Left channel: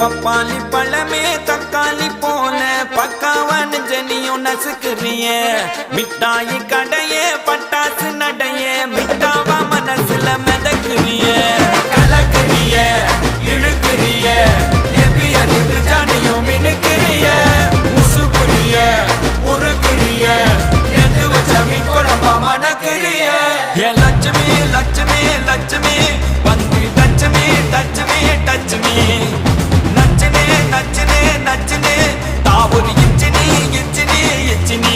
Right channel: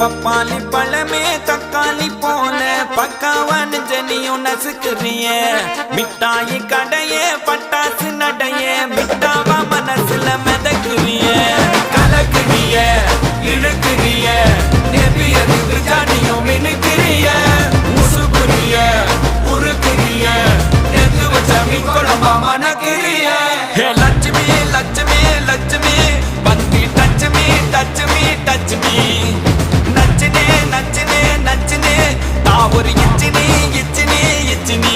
பப்பாளி பழமே தக்காளி போல பக்காவான ஜனியும் நசுக்குறிய மிட்டாயி கடையே பட்டாசு நடைய மிட்டாவா மனசுல மிதக்குறிய கலக்குறிய இழுக்குறிய நெபியறிவு ஜானியும் மினுக்குறிய முசுக்குறிய உருக்குறிய எது வச்சமி குழம்பா மணக்குறிய லட்சுமி லட்சுமி லட்சுமி வந்து டச்சுமி டச்சுமி டச்சுமி நச்சனே நச்சனே நச்சனே தாவூர் இச்சினி இச்சினி இச்சினி